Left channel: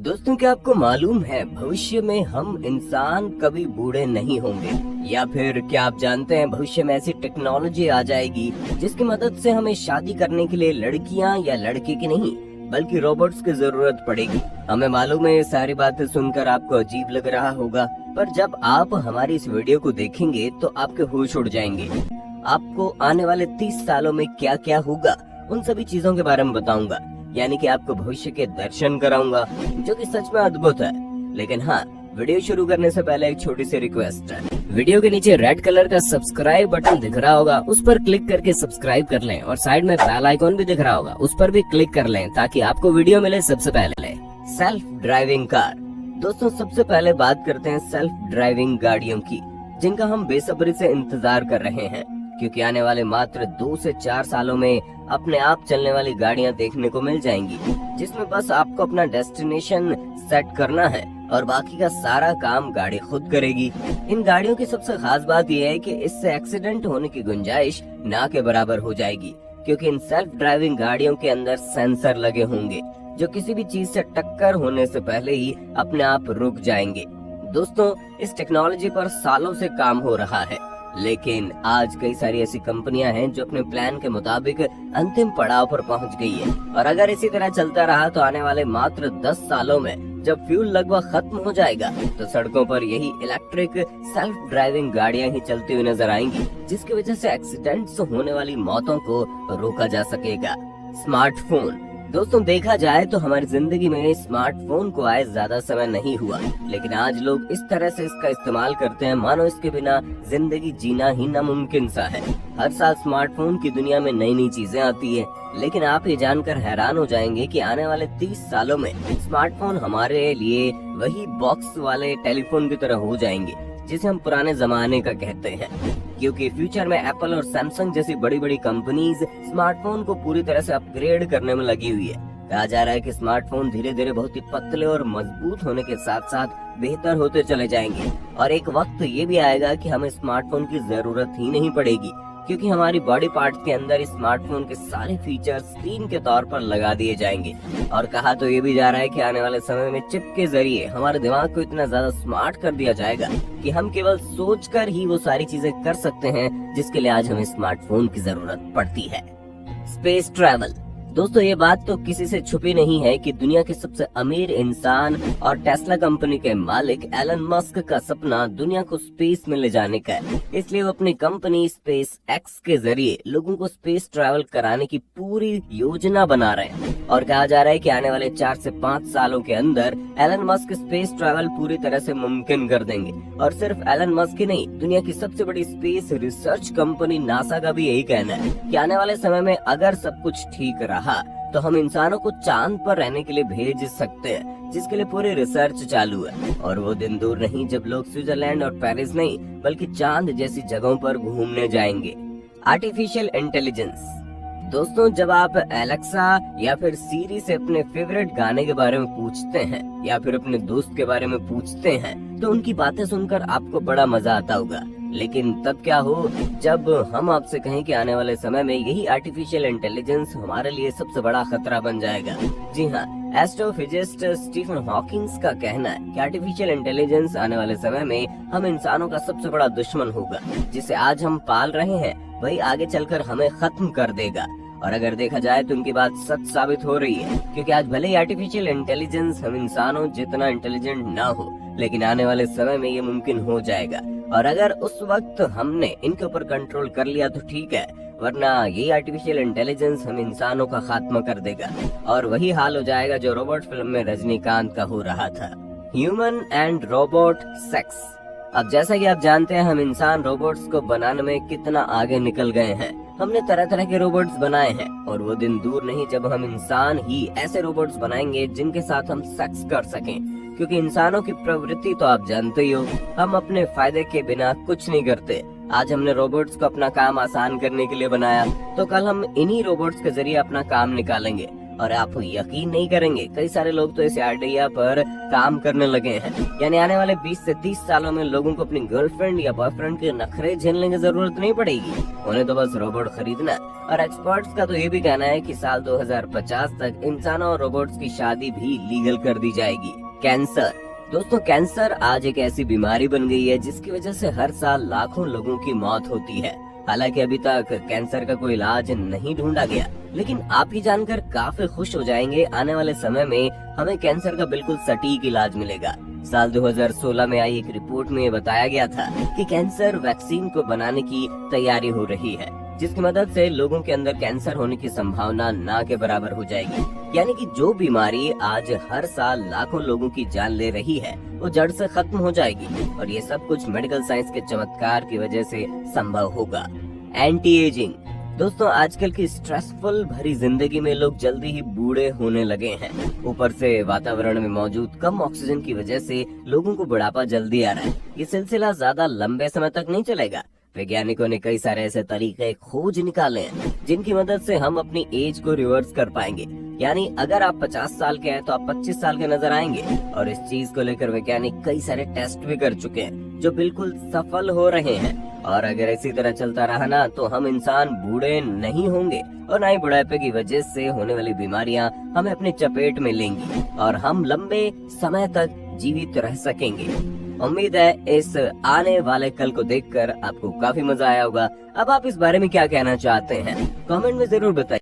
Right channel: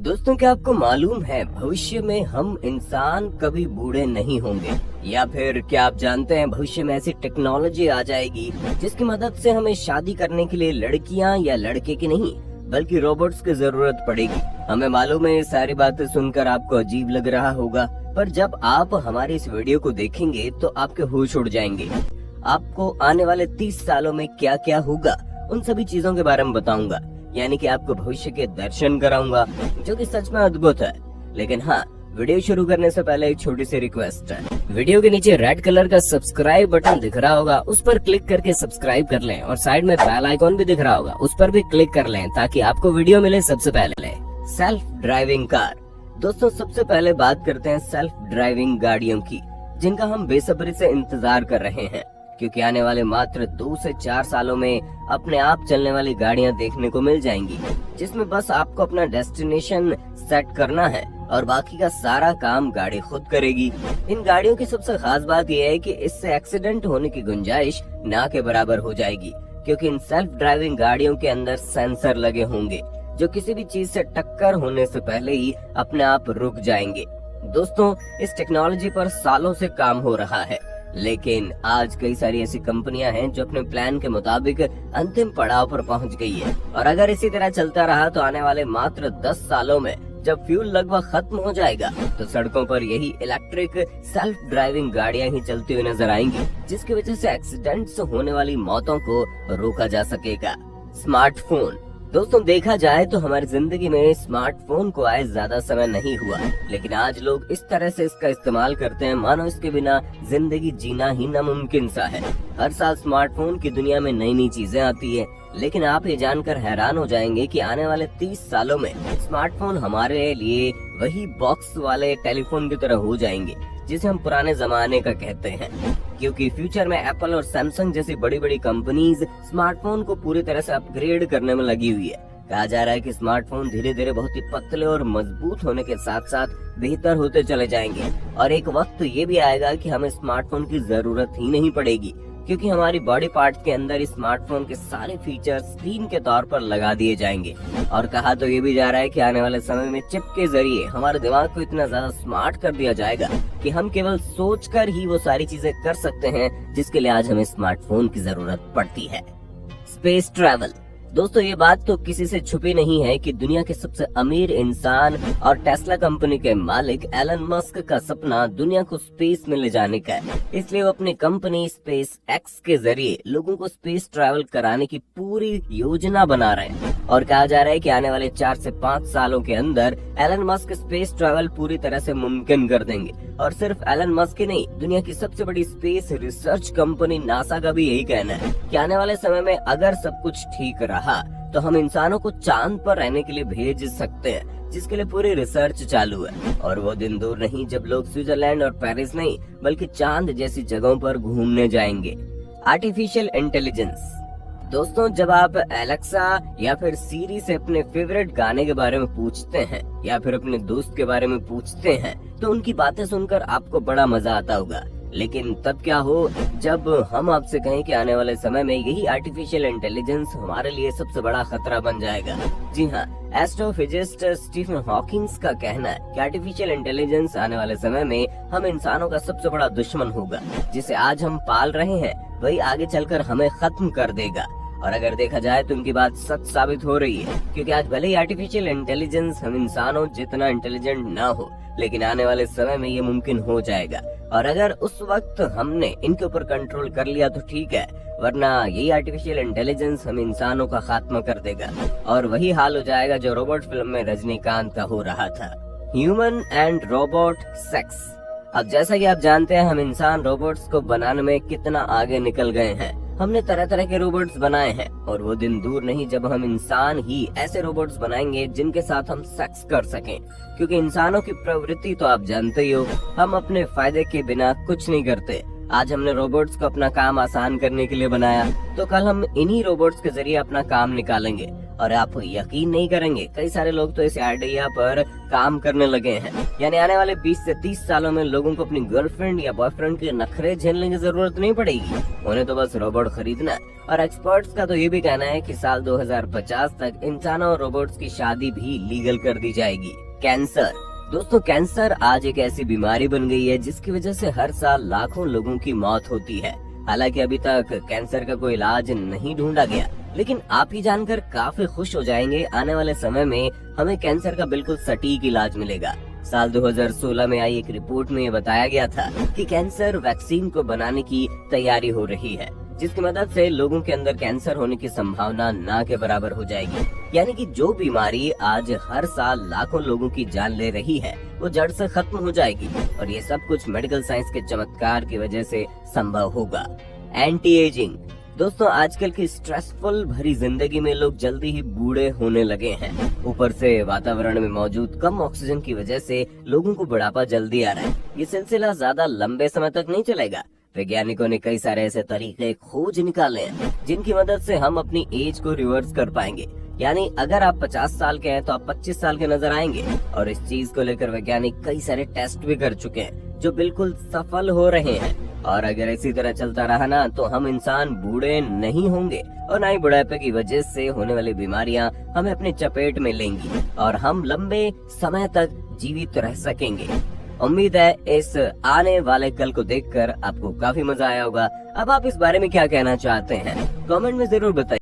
दोस्तों, क्या आपको मालूम है भविष्य में हम इंसान कभी बूढ़े नहीं होंगे? या फिर क्या आप जानते हैं भविष्य में ऐसी टेक्नोलॉजी आ जाएगी जिसकी मदद से हमें शादी करने के लिए लड़कियां या लड़के की नहीं बल्कि रोबोट्स की जरूरत पड़ेगी। हमें मालूम है ये सारी बातें सुनकर आपको अजीब लग रहा होगा, पर जब आप हमारी इस वीडियो को देखेंगे तो आपके होश उड़ जाएंगे। आपको आने वाले 30 सालों में क्या क्या होगा उन सभी चीजों के बारे में बताऊंगा, यानी कि आपको भविष्य के दर्शन कराऊंगा, जो कि सच में अद्भुत है। लेकिन हाँ, वीडियो शुरू करने से पहले एक छोटी सी रिक्वेस्ट है। वीडियो के नीचे रेड कलर का सब्सक्राइब बटन दिख रहा होगा, उस पर क्लिक करके सब्सक्राइब कर लें और साइड में बेल आइकॉन भी दिख रहा होगा, उस पर भी क्लिक कर लें ताकि आपको वीडियो मिले सबसे पहले। Self driving car. दोस्तों, सबसे पहले बात करते हैं सेल्फ ड्राइविंग गाड़ियों की, जिनका हम बेसब्री से इंतजार कर रहे हैं, क्योंकि आने वाले मात्र 2 से 4 सालों में अपने आप चलने वाली गाड़ियां देखने को मिल जाएंगी, जिसमें बस आपको अपना डेस्टिनेशन सेट करना है और बाकी का सारा काम गाड़ी खुद करेगी। इन गाड़ियों की सबसे खास बात यह है कि इससे एक्सीडेंट होने की गुंजाइश ना के बराबर हो जाएगी, क्योंकि इन सेल्फ ड्राइविंग गाड़ियों के अंदर सेंसर लगे होंगे जो किसी भी चीज से टक्कर होने से पहले ही अपने आप रुक जाएंगे। दोस्तों, इस टेक्नोलॉजी पर सालों से काम हो रहा है, लेकिन आज कई सारी ऐसी कंपनियां हैं जो अपने प्लान के मुताबिक अंतिम पड़ाव पर पहुंच गई है। और अगर इसी तरह चलता रहा तो आने वाले मात्र 10 सालों में जब फ्यूल लगभग खत्म हो जाएगा तो सड़कों पर यही इलेक्ट्रिक सेल्फ ड्राइविंग गाड़ियां ही चलती हुई नजर आएंगी, जिसकी वजह से एक्सीडेंट से होने वाली मौतों को रोका जा सकेगा। स्मार्टफोन। दोस्तों, देखा जाए तो हमारी जिंदगी में स्मार्टफोन को आए ज्यादा समय नहीं हुआ, लेकिन आज लोग इस तरह से इसका इस्तेमाल करते हैं मानो इसके बिना जिंदगी जीना ही नामुमकिन सा है। हर साल स्मार्टफोन की दुनिया में नई नई चीजें आती है, लेकिन आप ये जानकर हैरान हो जाएंगे कि आने वाले 30 सालों में स्मार्टफोन हमारे लिए वही बॉक्स वाले टेलीफोन की तरह हो जाएंगे जिसे हम पुराने जमाने का कहते हैं, क्योंकि फ्यूचर में एप्पल और सैमसंग जैसी बड़ी बड़ी कंपनीज स्मार्टफोन को पूरी तरह से अपग्रेड करने में लगी हुई है। कहा जा रहा है कि स्मार्टफोन धीरे धीरे बहुत ही पतले और मजबूत होने के साथ साथ बेहतर होते चले जाएंगे, और एक वक्त ये भी आएगा कि हमें स्मार्टफोन की जरूरत ही नहीं पड़ेगी, क्योंकि हमारी बॉडी पार्ट के अंदर स्मार्टफोन के सारे फीचर्स स्क्रीन के तौर पर लगा दिए जाएंगे। और कहा तो ये भी जा रहा है कि आने वाले समय में चिप के जरिए हमारे दिमाग को इतना ज्यादा स्मार्ट कर दिया जाएगा कि हम केवल सोचकर ही वो सारी चीजें कर सकते हैं जिसके लिए आज हमें स्मार्टफोन की जरूरत पड़ती है। Space travel. दोस्तों, ये बात तो किसी से छुपी नहीं है कि दुनिया के सबसे अमीर इंसान और टेस्ला कंपनी के मालिक एलन मस्क का सपना दुनिया को स्पेस में ले जाने का है। इसलिए वो अपनी कंपनी स्पेस एक्स के जरिए लोगों को स्पेस ट्रैवल कराने की पूरी योजना बना रहे हैं। और कहा जा रहा है कि आने वाले 4 से 5 सालों के अंदर एलन मस्क स्पेस ट्रैवल पूरी तरह से मुमकिन कर देंगे। और सिर्फ एलन मस्क ही नहीं, दुनिया की सबसे बड़ी स्पेस रिसर्च कंपनी नासा का भी यही कहना है कि आने वाले समय में अगर सब कुछ ठीक रहा तो हम इंसानों को चांद पर रहने के लिए भेज सकते हैं, जिसके लिए पूरी रिसर्च चालू है। और वो दिन दूर नहीं जब लोग स्विट्जरलैंड और पेरिस नहीं बल्कि चांद जैसी जगहों पर घूमने जाएंगे। Artificial intelligence. दोस्तों, जब आप एलेक्सा या फिर सीरी से अपने फेवरेट गाने के बारे में पूछते हैं या फिर अपने दोस्त के बारे में पूछते हैं तो उनकी बातें सुनकर आपको बड़ा मजा आता होगा, लेकिन तब क्या हो जब हम आपसे कहें कि आने वाले समय में यही आर्टिफिशियल इंटेलिजेंस हमारे लिए सबसे बड़ा खतरा बन जाएगा। जी हाँ, एस्ट्रोफिजिस्ट स्टीफन हॉकिंस का कहना है कि आर्टिफिशियल इंटेलिजेंस आने वाले समय में हम इंसानों का सबसे बड़ा दुश्मन होगा। जिसे आज हम पाल रहे हैं वही आगे चलकर हमें खत्म कर देगा। और अगर देखा जाए तो उनकी बात सच साबित हो रही है, क्योंकि आज भले ही आर्टिफिशियल इंटेलिजेंस हम इंसानों जितना इंटेलिजेंट ना हो, लेकिन आने वाले समय में ये मुमकिन हो जाएगा। और अगर उस वक्त हमने इनके ऊपर कंट्रोल कर लिया तो ठीक है, वरना यही आर्टिफिशियल इंटेलिजेंस हम इंसानों का खात्मा कर देगा। और वही हाल हो जाएगा जो रोबोट फिल्म में रजनीकांत का हो रहा था। Human and robot sex. अब जैसा कि आप जानते हैं, हम इंसान रोबोट्स को बनाने में कितना आगे निकल गए हैं। हमने तरह तरह के रोबोट्स बनाए हैं और वो दिन दूर नहीं जब हम इंसान ही ऐसे रोबोट्स बनाएंगे जिनके साथ हम सेक्स कर सकें, क्योंकि इंसानों की प्रवृत्ति तो आप जानते ही हो, हम अपने फायदे के बिना कुछ नहीं करते। आज हमने रोबोट्स को अपना काम आसान करने के लिए बनाया, तो कल हम इन्हीं रोबोट्स के जरिए अपना काम निकालेंगे। और आप यकीन नहीं करेंगे, कई सारे लोग तो इस आइडिया पर काम करने लगे हैं। यानी आने वाले 20 से 30 सालों में लोगों को अपनी गर्लफ्रेंड या बॉयफ्रेंड के नखरे झेलने की जरूरत नहीं पड़ेगी। उन्हें तो बस रोबोट खरीदना और एक्सपर्ट्स का तो ये भी कहना है कि साल 2050 तक इंसानों और रोबोट्स की शादी भी लीगल कर दी जाएगी। कैंसर दोस्तों, कैंसर आज एक ऐसी बीमारी बन गई है जिसकी वजह से हर साल लाखों लोगों की मौत होती है। हालांकि अभी तक कैंसर का कोई इलाज नहीं ढूंढा गया, लेकिन आप ये जानकर काफी खुश हो जाएंगे, आने वाले समय में हमें कैंसर का बिल्कुल सटीक इलाज मिलेगा। साल 2016 में आई एक रिपोर्ट में ये बताया गया था कि कैंसर वैक्सीन को बनाने की तैयारी हो रही है, जिसकी मदद से लोगों के अंदर कैंसर होने की संभावना ना के बराबर हो जाएगी। यानी कि जो बीमारी आज हर साल लाखों लोगों की जान ले रही है वो जड़ से खत्म हो जाएगी, और ये सब कुछ मेडिकल साइंस के चमत्कार की वजह से संभव होगा। एंटी एजिंग दोस्तों, आजकल की स्ट्रेसफुल भरी जिंदगी में लोग जल्दी ही बूढ़े होने लगे हैं। ऊपर से वातावरण में मौजूद कम ऑक्सीजन की वजह से लोगों को बुढ़ापा जल्दी आ रहा है। ये सिलसिला ज्यादा लंबे समय तक नहीं चलेगा। वैज्ञानिकों ने कई सारे ऐसे तरीके खोज निकाले हैं जिनकी मदद से हम अपनी एज को रिवर्स कर पाएंगे। यानी अगर आप 50 साल के हैं तो आप 25 साल के नजर आएंगे, और इस चीज को लेकर वैज्ञानिक कई सारे टेस्ट भी कर चुके हैं जो बिल्कुल सफल हो रहे हैं। और अगर इसी तरह चलता रहा ना तो हम इंसान बूढ़े नहीं होंगे, और नए बुढ़ापे की वजह से होने वाली बीमारियां हमें अपनी चपेट में लेंगी और हम लंबे समय तक जीवित रह सकेंगे। उम्मीद है इस आने वाले कल को देखकर आपको काफी मजा आया होगा। अब आप इस बारे में क्या कहना चाहते हैं, कमेंट में जरूर बताइए।